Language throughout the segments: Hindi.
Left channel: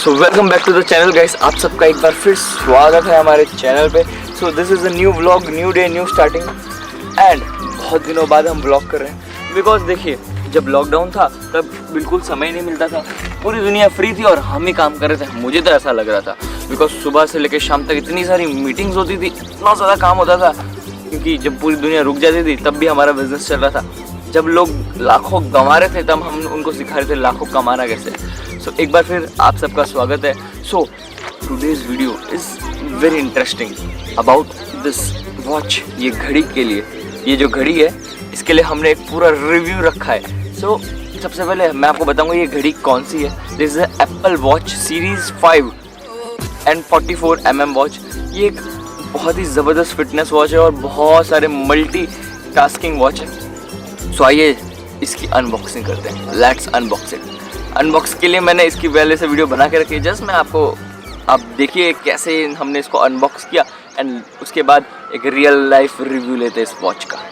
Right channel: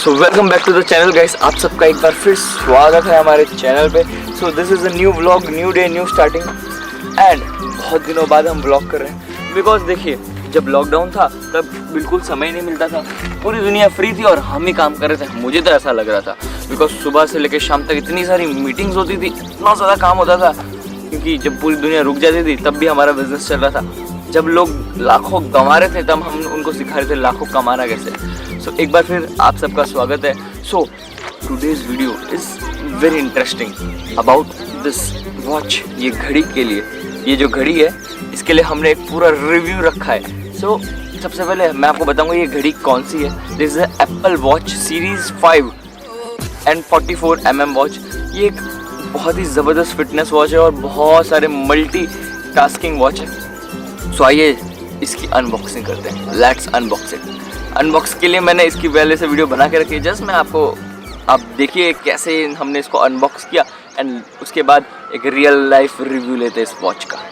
So welcome back to the channel guys, आप सबका एक बार फिर स्वागत है हमारे चैनल पे। So this is a new vlog, new day, new starting and बहुत दिनों बाद हम व्लॉग कर रहे हैं। बिकॉज देखिए, जब लॉकडाउन था तब बिल्कुल समय नहीं मिलता था, पूरी दुनिया फ्री थी और हम ही काम कर रहे थे। मुझे तो ऐसा लग रहा था बिकॉज सुबह से लेकर शाम तक इतनी सारी मीटिंग्स होती थी, इतना ज़्यादा काम होता था, क्योंकि जब पूरी दुनिया रुक जाती थी तब भी हमारा बिजनेस चल रहा था। जब लोग लाखों कमा रहे थे तब हम उनको सिखा रहे थे लाखों कमाना कैसे। सो एक बार फिर आप सबका स्वागत है। So today's video is very interesting about this watch. ये घड़ी के लिए, ये जो घड़ी है इसके लिए हमने एक पूरा रिव्यू रखा है। सो सबसे पहले मैं आपको बताऊंगा ये घड़ी कौन सी है। This is Apple watch series 5 and 44mm watch. ये एक बहुत ही ज़बरदस्त फिटनेस वॉच है और बहुत सारे मल्टी टास्किंग वॉच है। सो आइए इसकी अनबॉक्सिंग करते हैं। Let's unbox it. अनबॉक्स के लिए मैंने इसकी पहले से वीडियो बना के रखी है, जस्ट मैं आपको आप देखिए कैसे हमने इसको अनबॉक्स किया एंड उसके बाद एक रियल लाइफ रिव्यू लेते हैं इस वॉच का।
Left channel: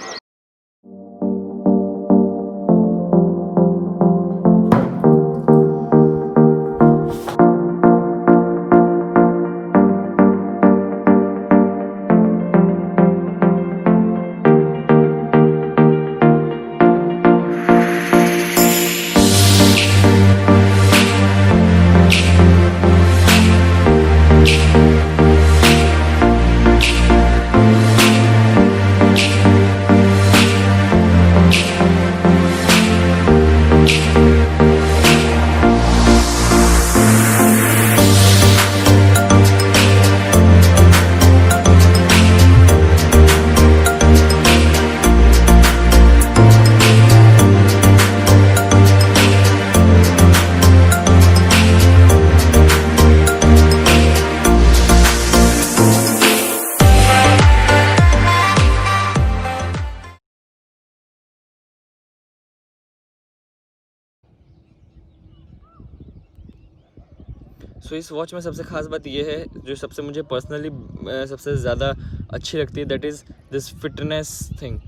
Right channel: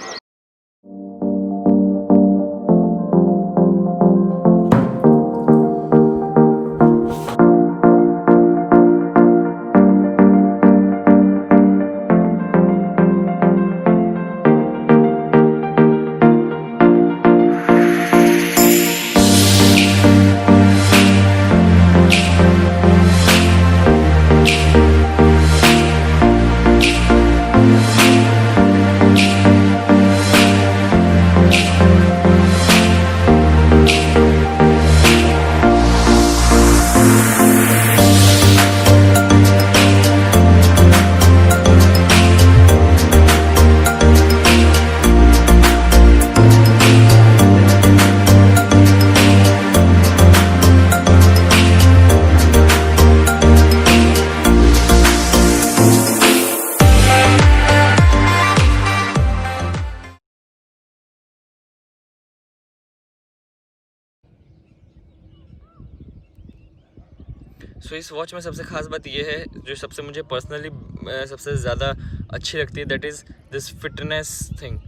सो इस वॉच में सबसे खास बात ये है, जो सबसे मुझे पर्सनली सबसे ज़्यादा अच्छी लगती है, that is this fitness thing.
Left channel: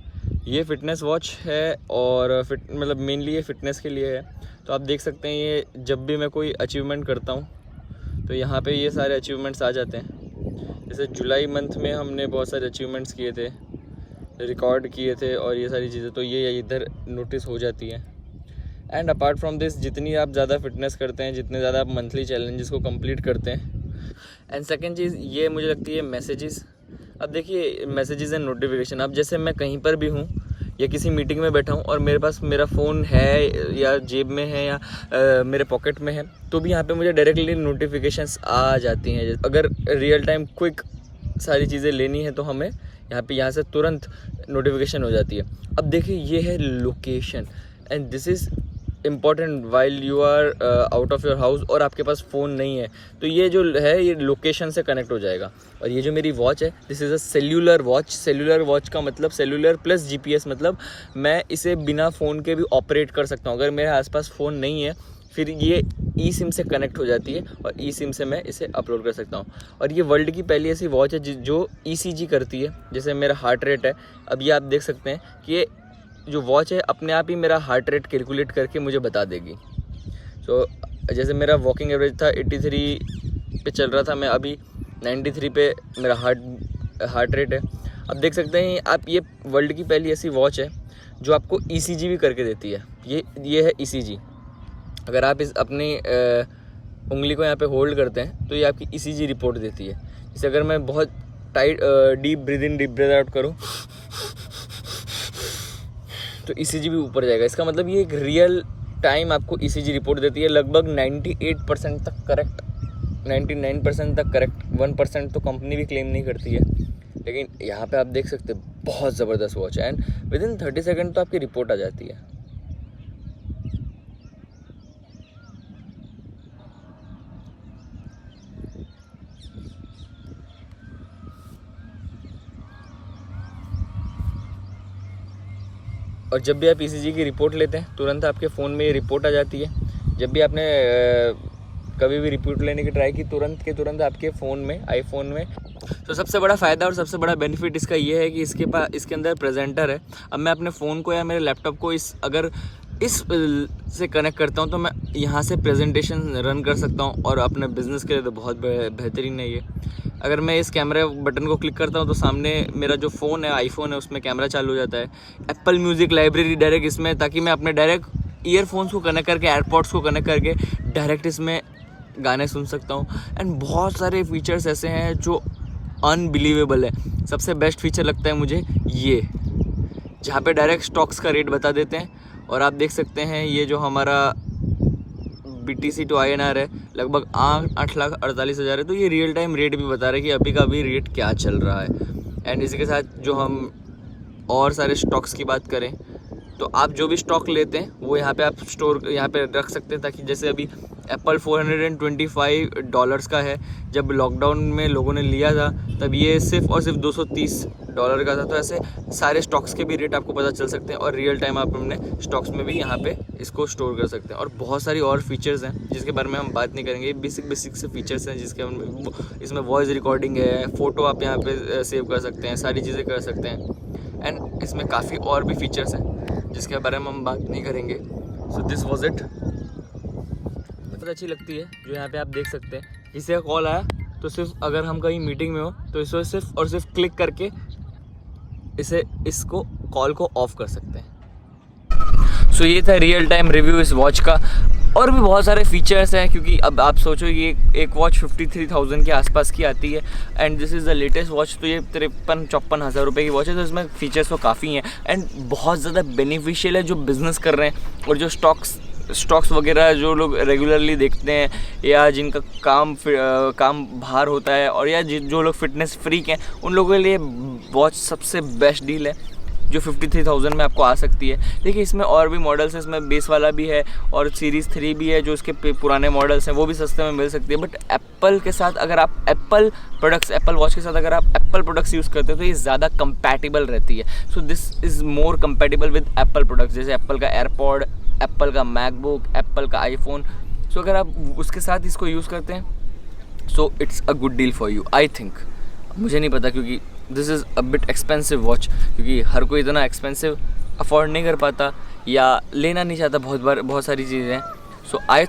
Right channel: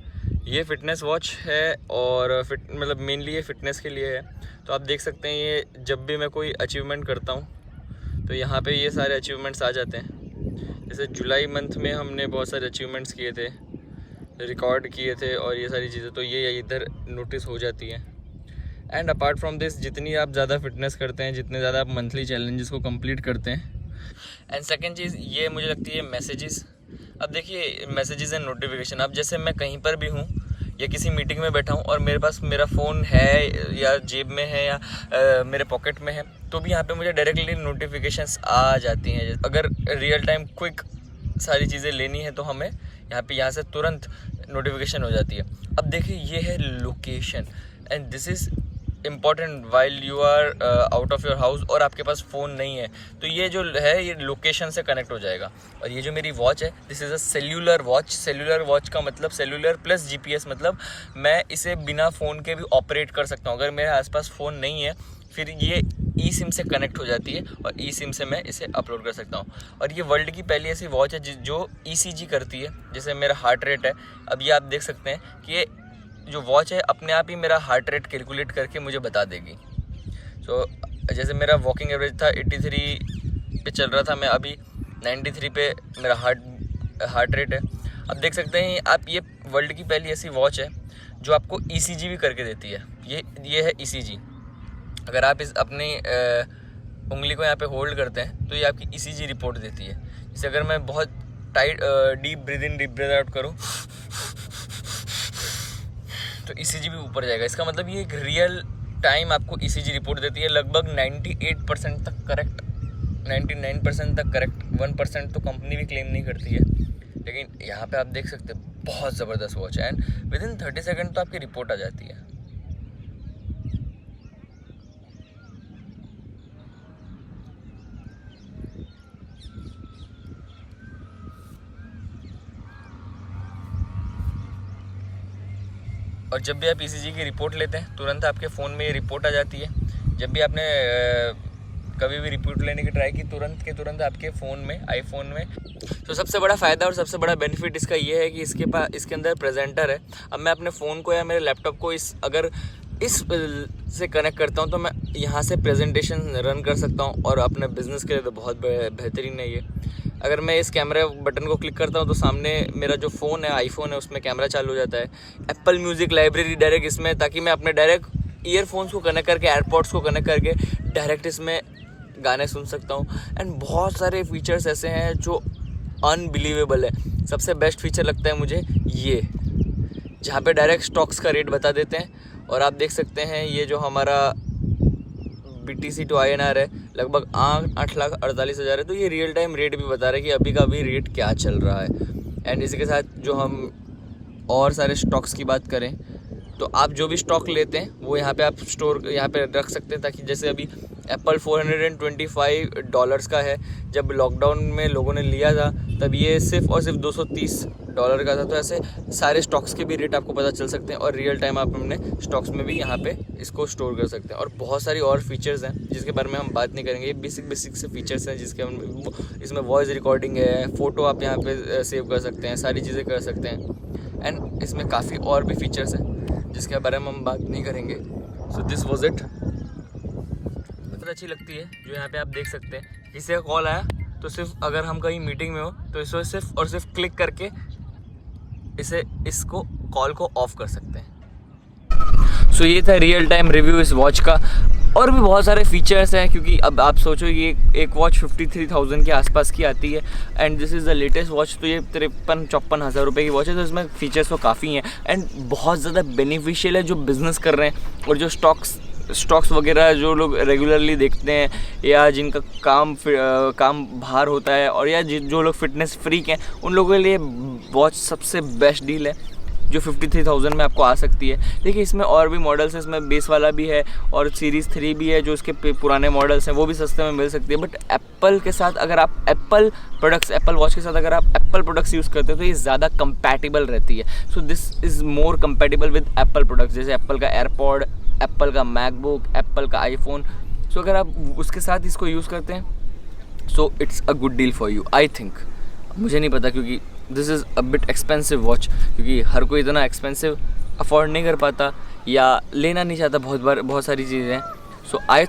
ये फिटनेस वॉच है और मतलब मेनली ये फिटनेस के लिए है। तो आप देख सकते हैं ये जब भी मैं कोई अचीवमेंट करता हूँ तो यहाँ पे ये सारे अचीवमेंट्स आ जाते हैं। जैसे जुलाई मंथ में हमने बहुत सारे अचीवमेंट्स किए थे, रिकॉर्ड किए थे और ये सारी चीज़ें तो ये इधर नोटिस हो जाती हैं। एंड अपार्ट फ्रॉम दिस, जितनी आप ज़्यादा फिटनेस करते हैं, जितने ज़्यादा आप मंथली चैलेंजेस को कंप्लीट करते हैं। एंड सेकंड चीज़ ये मुझे लगती है मैसेजेस। अब देखिए मैसेजेस एंड नोटिफिकेशन, अब जैसे मैं कहीं पर भी हूँ या किसी मीटिंग में बैठा हूँ और मेरे पास मेरा फ़ोन है या जेब में है या मेरे पॉकेट में है, तो भी यहाँ पे मुझे डायरेक्टली नोटिफिकेशंस आ जाती हैं। अगर रियल टाइम क्विक सारी चीज़ें लेनी है तो हमें यहाँ से तुरंत नोटिफिकेशन हो जाती है। अब देखिए ये है location and this is important while you are out of your house और आपके पास फ़ोन नहीं है, तो ये जो है ये लोकेशन से कनेक्ट हो जाएगा। और ये जो मेरी वॉच है, this is a cellular watch. Cellular watch का मतलब सेल्यूलर प्लस जीपीएस, मतलब मैं इसे बिना फ़ोन के भी ऑपरेट कर सकता हूँ। अगर मेरे आसपास फ़ोन नहीं है फिर ये ई सिम से कनेक्ट हो जाती है और ई सिम से मैं इसे अपलोड कर सकता हूँ। और ये वर्ल्ड की पहली ऐसी वॉच है जो ईसीजी करती है, जैसे मेरा हार्ट रेट है। अब ये आप देख सकते हैं कि ये जो वॉच है अपने आप ही मेरा हार्ट रेट कैलकुलेट करके मुझे बता देगी। सो जैसे मेरा वॉकिंग एवरेज था 83 पे चल रहा था, मैं अभी 93 पे मेरा हार्ट रेट है। अब देख सकते हैं आप, ये वर्ल्ड की पहली ऐसी वॉच है जो आपको ईसीजी भी करके देती है। ये है ईसीजी। अगर आप इस अपनी उंगली को यहाँ पे होल्ड करते हैं तो ये आपकी ईसीजी रिपोर्ट देती है। जैसे अगर मैं बहुत tight deep breathe in deep breathe out करूँ तो ईसीजी भी ऊपर जाएगा। इसका मतलब ये एक रियल टाइम आपको ईसीजी रिपोर्ट देती है, लगभग 98% तक करेक्ट, 99% तक करेक्ट। 1% तो कंपनी भी क्लेम नहीं करती है, लेकिन यहाँ पे आप देख सकते हैं बहुत ज़बरदस्त वॉच है एंड विद इन 30 सेकेंड तो आपकी रिपोर्ट आ जाती है। और जब भी आप ईसीजी की रिपोर्ट लेते हैं तुरंत आपके फ़ोन में ये रिपोर्ट आ जाती है। जब भी आपने कभी भी रिपोर्ट लेने की ट्राई की, तुरंत के तुरंत आपके फ़ोन में, आईफोन में। तो सबसे बड़ा फ़ायदा और सबसे बड़ा बेनिफिट इसका ये है कि इसके अंदर प्रेजेंटर है। अब मैं अपने फ़ोन को या मेरे लैपटॉप को अगर इस से कनेक्ट करता हूँ तो मैं यहाँ से प्रेजेंटेशन रन कर सकता हूँ और अपने बिजनेस के लिए तो बहुत बेहतरीन है ये। अगर मैं इस कैमरा बटन को क्लिक करता हूँ तो सामने मेरा जो फ़ोन है, आईफोन है, उसमें कैमरा चालू हो जाता है। एप्पल म्यूज़िक लाइब्रेरी डायरेक्ट इसमें, ताकि मैं अपने डायरेक्ट ईयरफोन्स को कनेक्ट करके, एयरपॉड्स को कनेक्ट करके डायरेक्ट इसमें गाने सुन सकता हूँ। एंड बहुत सारे फीचर्स ऐसे हैं जो अनबिलीवेबल है। सबसे बेस्ट फीचर लगता है मुझे ये, जहाँ पे डायरेक्ट स्टॉक्स का रेट बता देते हैं। और आप देख सकते हैं ये जो हमारा BTC to INR है लगभग 8,48,000 है, तो ये रियल टाइम रेट भी बता रहा है कि अभी का अभी रेट क्या चल रहा है। एंड इसी के साथ जो हम और सारे स्टॉक्स की बात करें तो आप जो भी स्टॉक लेते हैं वो यहाँ पे आप स्टोर यहाँ पे रख सकते हैं, ताकि जैसे अभी एप्पल $425 का है। जब लॉकडाउन में लोगों ने लिया था तब ये सिर्फ और सिर्फ $230 का था। तो ऐसे सारे स्टॉक्स के भी रेट आपको पता चल सकते हैं और रियल टाइम आप अपने स्टॉक्स में भी यहाँ पे इसको स्टोर कर सकते हैं। और बहुत सारी और फीचर्स हैं जिसके बारे में हम बात नहीं करेंगे। ये बेसिक से फीचर्स हैं जिसके इसमें वॉइस रिकॉर्डिंग है, फ़ोटो आप यहाँ पे सेव कर सकते हैं, सारी चीज़ें कर सकते हैं। एंड इसमें काफ़ी और भी फीचर्स हैं जिसके बारे में हम बात नहीं करेंगे। So this was it. बहुत अच्छी लगती है जो यहाँ पे आप देख सकते हैं। किसी का कॉल आया तो सिर्फ अगर हम कहीं मीटिंग में हो तो इसको सिर्फ और सिर्फ क्लिक करके इसको कॉल को ऑफ कर सकते हैं। सो ये था रियल टाइम रिव्यू इस वॉच का। और भी बहुत सारे फीचर्स हैं, क्योंकि अब आप सोचो ये एक वॉच 53,000 के आसपास की आती है and this is the latest watch. तो ये 53-54 हज़ार रुपये की वॉच है, तो इसमें फीचर्स तो काफ़ी हैं एंड बहुत ज़्यादा बेनिफिशियल है जो बिज़नेस कर रहे हैं और जो स्टॉक्स वगैरह जो लोग रेगुलरली देखते हैं या जिनका काम बाहर होता है, और या जो लोग फिटनेस फ्रीक हैं उन लोगों के लिए वॉच सबसे बेस्ट डील है जो 53,000 में आपको आ सकती है। देखिए इसमें और भी मॉडल्स हैं, इसमें बेस वाला भी है और सीरीज़ 3 भी है जो उसके पुराने मॉडल्स हैं, वो भी सस्ते में मिल सकती है। बट एप्पल के साथ अगर आप एप्पल वॉच के साथ अगर आप एप्पल प्रोडक्ट्स यूज़ करते हो तो ये ज़्यादा कंपैटिबल रहती है। So this is more compatible with Apple products, जैसे एप्पल का एयरपॉड, एप्पल का मैकबुक, एप्पल का आईफोन। सो अगर आप उसके साथ इसको यूज़ करते हैं so it's a good deal for you, I think. मुझे नहीं पता क्योंकि this is a bit expensive watch, क्योंकि हर कोई इतना एक्सपेंसिव अफोर्ड नहीं कर पाता या लेना नहीं चाहता बहुत सारी चीज़ें हैं। सो आई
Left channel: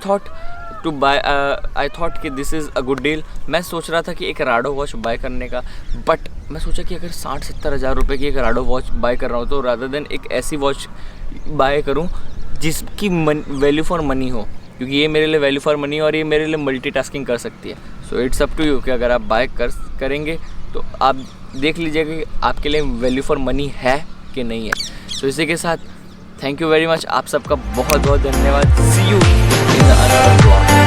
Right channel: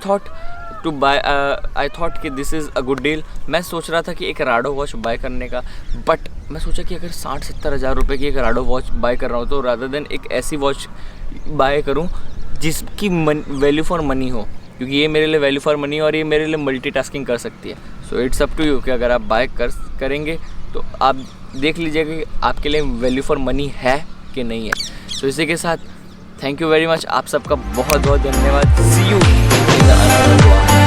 थॉट कि this is a good deal. मैं सोच रहा था कि एक राडो वॉच बाय करने का, बट मैं सोचा कि अगर 60-70 हज़ार रुपये की एक राडो वॉच बाय कर रहा हूँ तो रादर देन एक ऐसी वॉच बाय करूँ जिसकी वैल्यू फॉर मनी हो, क्योंकि ये मेरे लिए वैल्यू फॉर मनी और ये मेरे लिए मल्टीटास्किंग कर सकती है। So it's up to you कि अगर आप बाय करेंगे तो आप देख लीजिएगा कि आपके लिए वैल्यू फॉर मनी है कि नहीं है। तो इसी के साथ थैंक यू वेरी मच, आप सबका बहुत बहुत धन्यवाद। See you in the another vlog.